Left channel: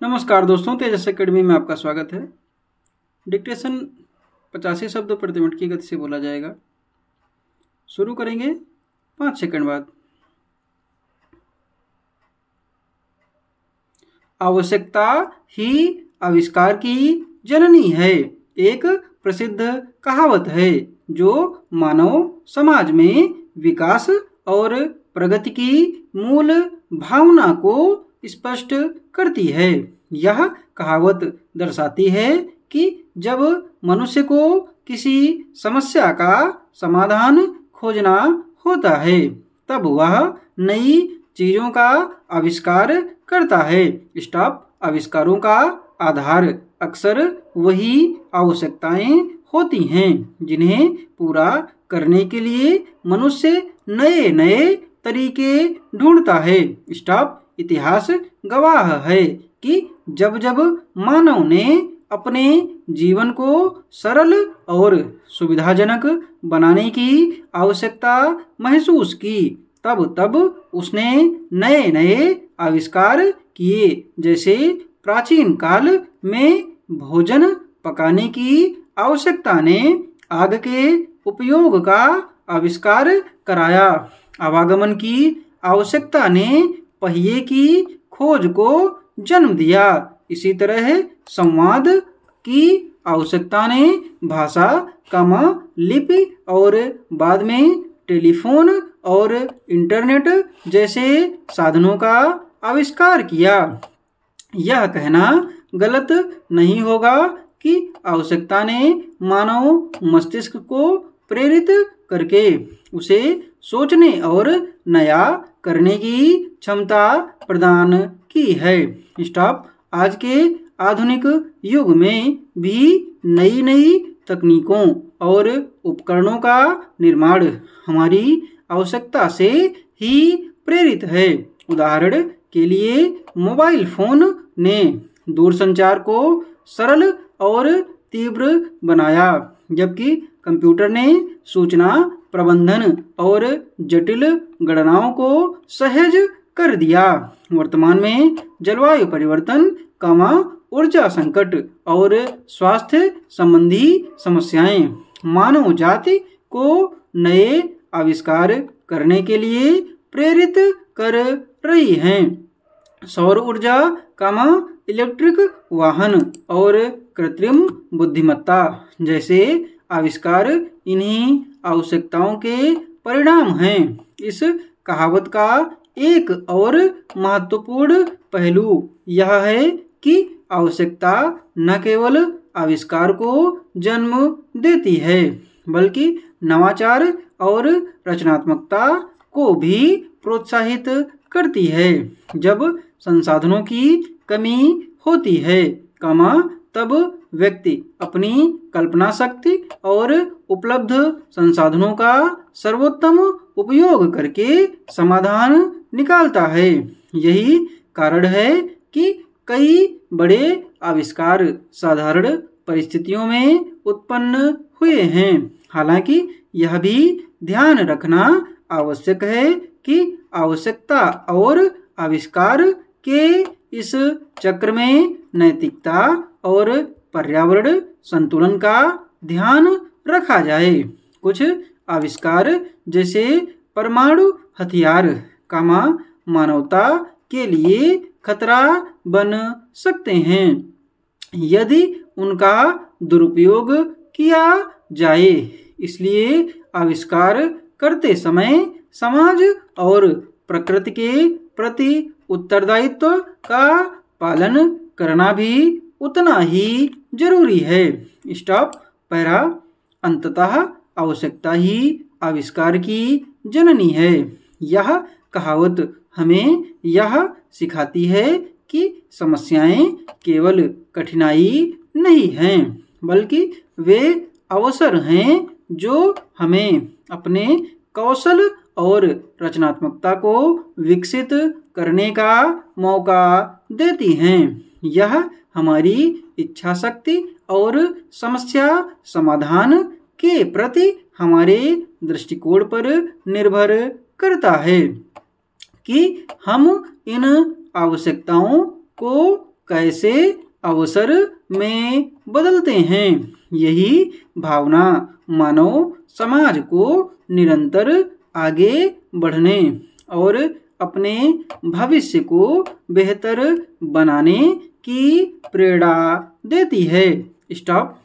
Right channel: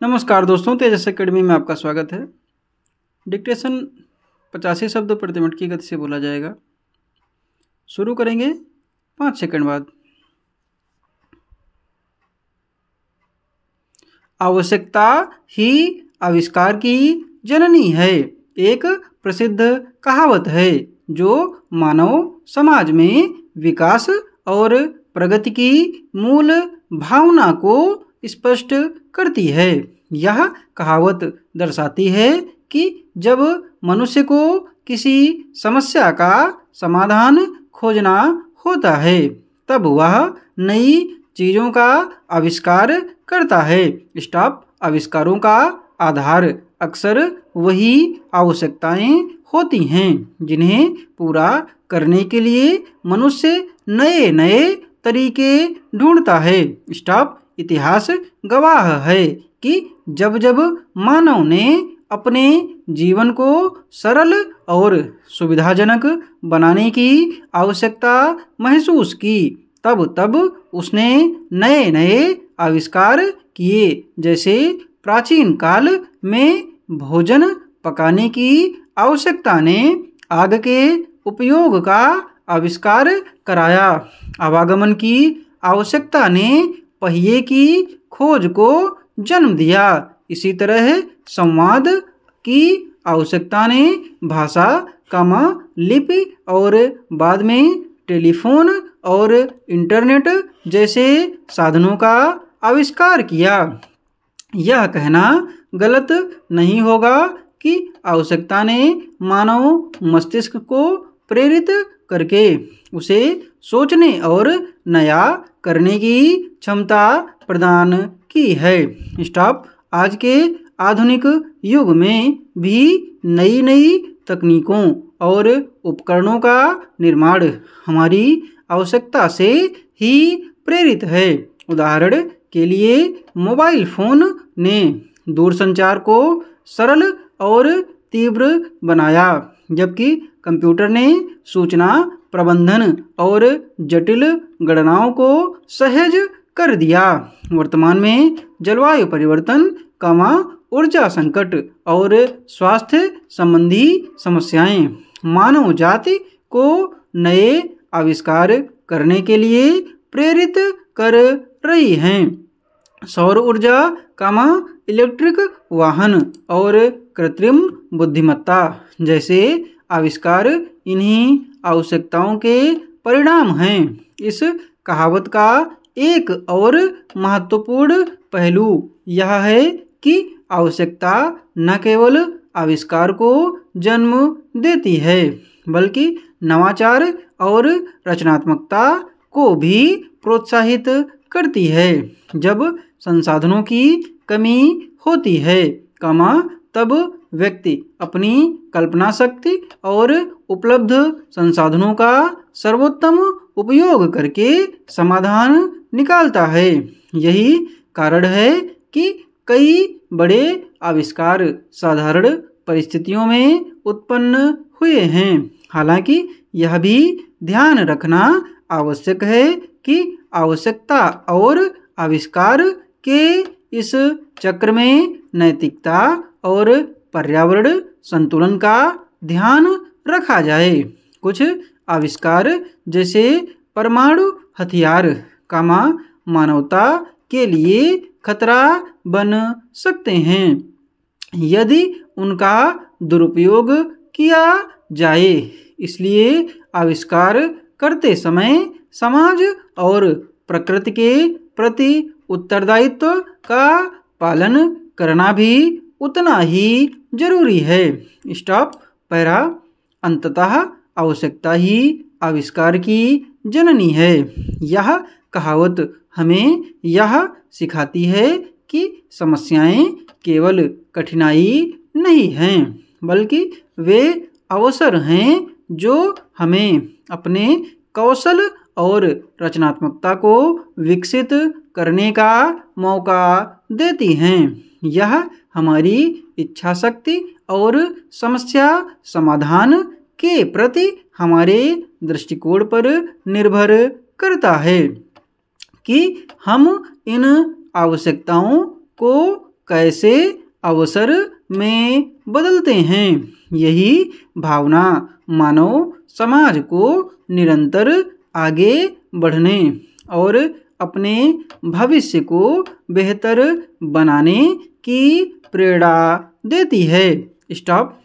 नमस्कार दोस्तों, तेजस एकेडमी में आपका स्वागत है। डिक्टेशन 85 शब्द प्रति मिनट की गति से बोला जाएगा। शुरू करेंगे 5 सेकंड बाद। आवश्यकता ही आविष्कार की जननी है, एक प्रसिद्ध कहावत है जो मानव समाज में विकास और प्रगति की मूल भावना को स्पष्ट करती है। यह कहावत दर्शाती है कि जब मनुष्य को किसी समस्या का समाधान खोजना होता है तब वह नई चीजों का आविष्कार करता है। स्टॉप आविष्कारों का आधार अक्सर वही आवश्यकताएं होती हैं जिन्हें पूरा करने के लिए मनुष्य नए नए तरीके ढूंढता है। स्टॉप इतिहास गवाह है कि जब जब मानव ने अपने जीवन को सरल और सुविधाजनक बनाने की आवश्यकता महसूस की तब तब उसने नए नए आविष्कार किए। जैसे प्राचीन काल में भोजन पकाने की आवश्यकता ने आग के उपयोग का आविष्कार कराया। आवागमन की आवश्यकता ने पहिए की खोज को जन्म दिया। इसी तरह संवाद की आवश्यकता ने भाषा, लिपि और बाद में टेलीफोन और इंटरनेट जैसे साधनों का आविष्कार किया। यह कहना गलत नहीं होगा कि आवश्यकता ने मानव मस्तिष्क को प्रेरित करके उसे सोचने और नया करने की क्षमता प्रदान की है। स्टॉप आज के आधुनिक युग में भी नई नई तकनीकों और उपकरणों का निर्माण हमारी आवश्यकता से ही प्रेरित है। उदाहरण के लिए मोबाइल फोन ने दूरसंचार को सरल और तीव्र बनाया, जबकि कंप्यूटर ने सूचना प्रबंधन और जटिल गणनाओं को सहज कर दिया। वर्तमान में जलवायु परिवर्तन, ऊर्जा संकट और स्वास्थ्य संबंधी समस्याएं मानव जाति को नए आविष्कार करने के लिए प्रेरित कर रही हैं। सौर ऊर्जा, इलेक्ट्रिक वाहन और कृत्रिम बुद्धिमत्ता जैसे आविष्कार इन्हीं आवश्यकताओं के परिणाम हैं। इस कहावत का एक और महत्वपूर्ण पहलू यह है कि आवश्यकता न केवल आविष्कार को जन्म देती है बल्कि नवाचार और रचनात्मकता को भी प्रोत्साहित करती है। जब संसाधनों की कमी होती है, तब व्यक्ति अपनी कल्पना शक्ति और उपलब्ध संसाधनों का सर्वोत्तम उपयोग करके समाधान निकालता है। यही कारण है कि कई बड़े आविष्कार साधारण परिस्थितियों में उत्पन्न हुए हैं। हालांकि यह भी ध्यान रखना आवश्यक है कि आवश्यकता और आविष्कार के इस चक्र में नैतिकता और पर्यावरण संतुलन का ध्यान रखा जाए। कुछ आविष्कार जैसे परमाणु हथियार मानवता के लिए खतरा बन सकते हैं यदि उनका दुरुपयोग किया जाए। इसलिए आविष्कार करते समय समाज और प्रकृति के प्रति उत्तरदायित्व का पालन करना भी उतना ही जरूरी है। स्टॉप पैरा अंततः आवश्यकता ही आविष्कार की जननी है। यह कहावत हमें यह सिखाती है कि समस्याएं केवल कठिनाई नहीं हैं बल्कि वे अवसर हैं जो हमें अपने कौशल और रचनात्मकता को विकसित करने का मौका देती हैं। यह हमारी इच्छा शक्ति और समस्या समाधान के प्रति हमारे दृष्टिकोण पर निर्भर करता है कि हम इन आवश्यकताओं को कैसे अवसर में बदलते हैं। यही भावना मानव समाज को निरंतर आगे बढ़ने और अपने भविष्य को बेहतर बनाने की प्रेरणा देती है। स्टॉप।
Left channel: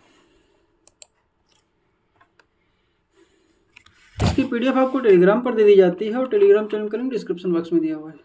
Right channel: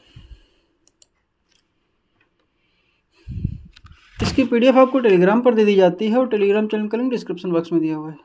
इसकी पीडीएफ आपको टेलीग्राम पर दे दी जाती है और टेलीग्राम चैनल का लिंक डिस्क्रिप्शन बॉक्स में दिया हुआ है।